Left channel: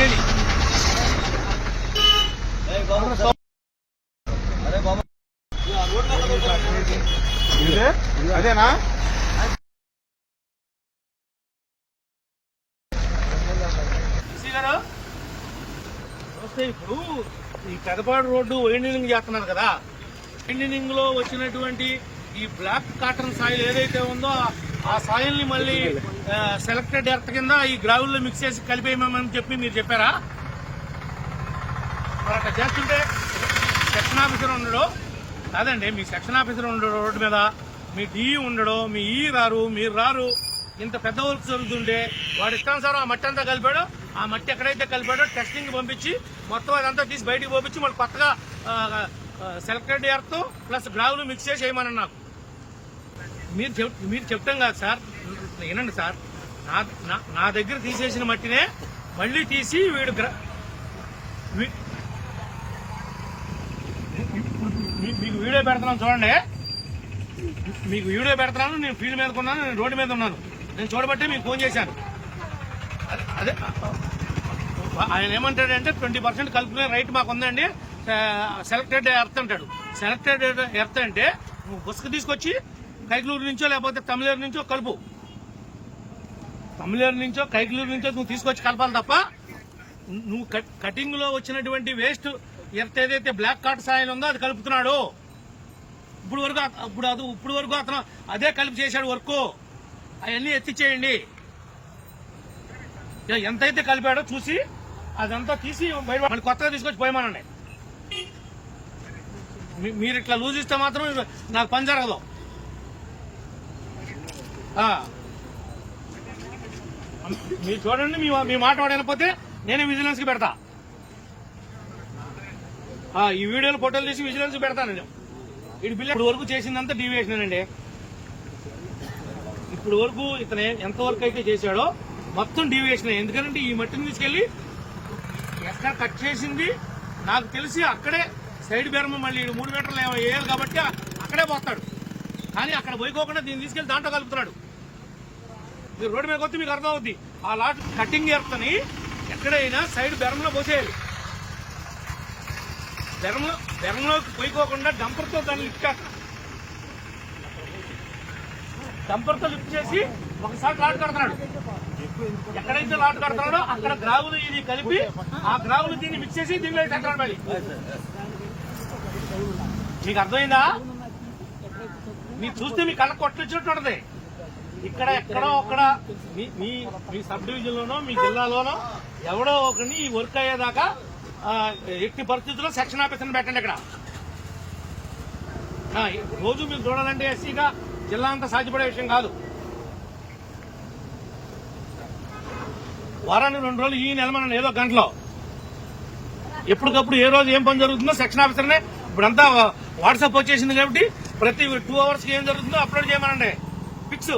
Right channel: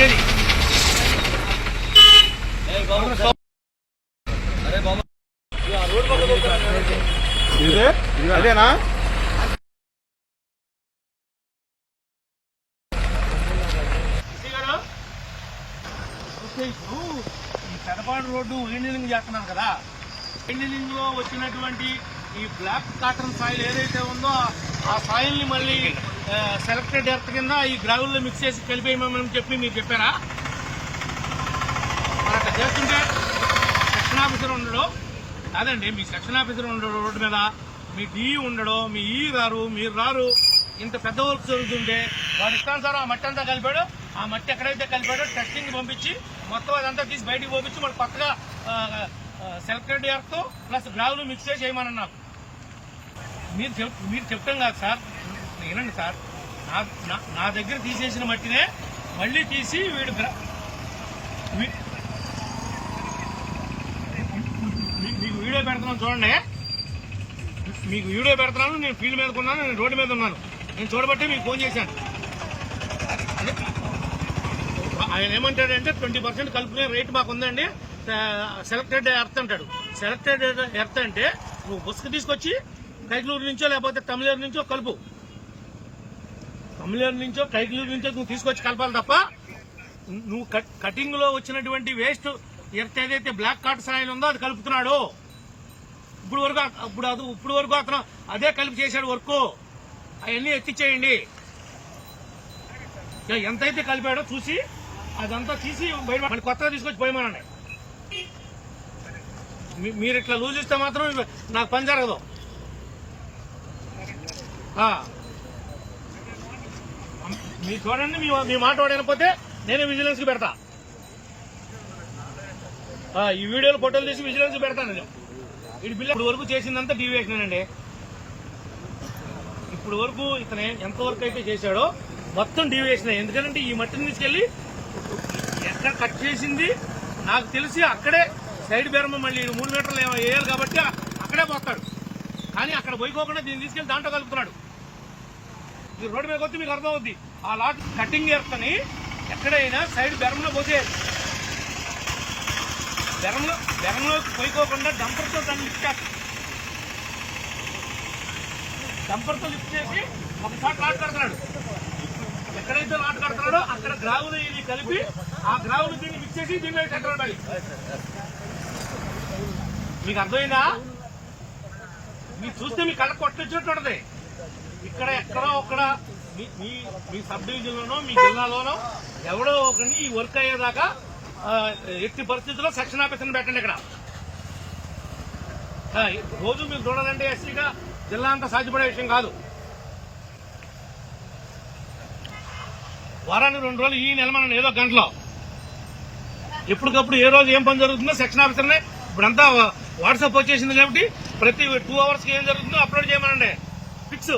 వచ్చేది. అదేనా ఇప్పుడు ఈ పెదపాడు రోడ్డు వైండింగ్ చేస్తున్నారు కదా, వైండింగ్ లో వచ్చినటువంటి ఈ బ్లాక్ కాటన్ సాయిల్ ఏదైతే ఉందో ఆ సాయిల్ ని మళ్ళీ సెలెక్టెడ్ ఎర్త్ కింద ఈ గ్రావుల్ లో మిక్స్ చేసి కలిపేయమని చెప్పి మీరు చెప్పారా? మరి అట్లా చేస్తుంటే సెక్షన్ ఆఫీసర్ ఉండడు కాదండి, మీ సెక్షన్ ఆఫీసర్ ఉండడు రోడ్డు మీద, మీ డిఈ ఉండడు, మీ ఈ రారు, మీరు రారు. ఇంత పెద్ద వర్క్ జరుగుతుంటే వాడు ఇష్టానుసారం ఆ మట్టి అంతా కలిపాడు. ఆ మట్టి ఎక్కడైతే కలిపాడో టెస్టింగ్ పంపించి మొత్తం అదంతా తీసి బయటకు పంపించి మళ్ళీ కొత్తగా సెలెక్టెడ్ ఎర్త్ ప్లస్ గ్రావులు మిక్స్ చేసి వేయమన్నారు. మీరు చెప్తాం కాదు సార్, వినండి సార్, నా దగ్గర తీసేసిన మట్టినే మళ్ళీ తీసి వీడు మీకు వీడియో పెడుతున్నాను చూడండి, మీకు వీడియో పెడుతున్నాను. నేను ఫీల్డ్ మీద ఉన్నాను, నేను రోడ్డు మీద ఉన్నాను. నేను చూడబట్టి మీకు ఫోన్ చేశాను. అదే ఆయన ఏమంటాడంటే 20% కలుపుకునే రైట్ మాకు ఉందండి, సెలెక్టెడ్ ఎర్త్ అంటాడు. సెలెక్టెడ్ ఎర్త్ అంటే నువ్వు బుస్క తీసుకొచ్చి కైకలూరు నుంచో లేకపోతే తమిళేరు నుంచో కలుపు, తమిళేరు నుంచో కైకలూరు నుంచో నువ్వు తీసుకొచ్చి కలపాలి తప్ప నువ్వు కటింగ్ లో వచ్చినటువంటి వేస్ట్ ఎర్త్ ఏదైతే బ్లాక్ కాట్ సాయిల్ ఉందో అది కలుపుతున్నాడు. ఇప్పుడు వరకు అతను అదే కలిపి చేశాడు వర్క్. అవన్నీ ఎత్తిచ్చేయండి. ఎంతైతే కలిపాడో చూసి అదంతా తీసి బయట మళ్ళీ కొత్తగా తీసుకొచ్చి పోయమనండి. మీరు ఇట్లా లూజ్ ఇస్తే మాత్రం నాకు పని జరగదు. మీరు చూడండి, మీ మాట వాడకపోతే నేనే విజిలెన్స్ కి పెడతా. ఈ వీడియోలో ఫోటోలు తీసి విజిలెన్స్ కి పెడతాను నేను. ఇది బిల్లు ఇప్పుడు వరకు చేసిందంతా డీవియేషన్ అండి. ఇప్పుడు వరకు ఇతను ఎంతవరకు అయితే చేశాడో మొత్తం డీవియేషన్. ఎందుకంటే ఈ మట్టిని తీసుకెళ్లి ఎక్కడ కట్ చేసింది నాకు తెలిసి అక్కడే సైడ్ బెరమ మళ్ళీ 3 మీటర్లు వేయాలి కాబట్టి అక్కడే పోతాడు. కానీ అక్కడ పోయికోకుండా దీన్ని తీసుకెళ్లి దాంట్లో కలుపుతున్నాడు. మీరు రోడ్డు మీద వస్తే మీకు అర్థం అవుద్ది. ఆ లాట్ కటింగ్ ఎర్తని ఎక్కడైనా సైడ్ బెరమలో పోసేయాలి. బెరంలోకి పోయికోకుండా డంపర్తో దాన్ని లిఫ్ట్ చేస్తాం. డంపర్తో లిఫ్ట్ చేసి ఒకసారి లాట్ కడతాడు. ఎక్కడైతే లాట్ కడతాడో అక్కడ గ్రావులు ఇది కలిపి ఆ గ్రావులు దీన్ని మిక్స్ చేసి దీనిలో సెంటర్ పడి. మీకు అర్థమైందా? మీరు చూస్తే మీ కళ్ళ కొట్టినట్టు ఉంటుంది. ఇక్కడ ఎక్కడో ఒక్కడ మీ సబ్ డివిజన్ లోనో మీ జిల్లాలోనో ఎవడో ఒకరిని ఈ వర్క్ అయ్యేదాకా ఎట్టి పరిస్థితుల్లో సెక్షన్ ఆఫీసర్ని పెట్టండి. ఇక్కడ రోజు మీరు చూడాలంటే ఎస్సీగా జిల్లా అంతా సాధ్యపడే విషయం కాదు. వారానికి 2 రోజులు ఈ నెల మనం ఏదో గంటలో ఎప్పటికప్పుడు ఏ రోజు ఏం పని జరుగుతుందో సెక్షన్ ఆఫీసర్నే ఇప్పుడంతా వాట్సాప్ వచ్చేసింది కాబట్టి ప్రతి 2 అవర్స్కి ఏం జరుగుతుందో అప్లోడ్ చేయమనండి. ఫిక్స్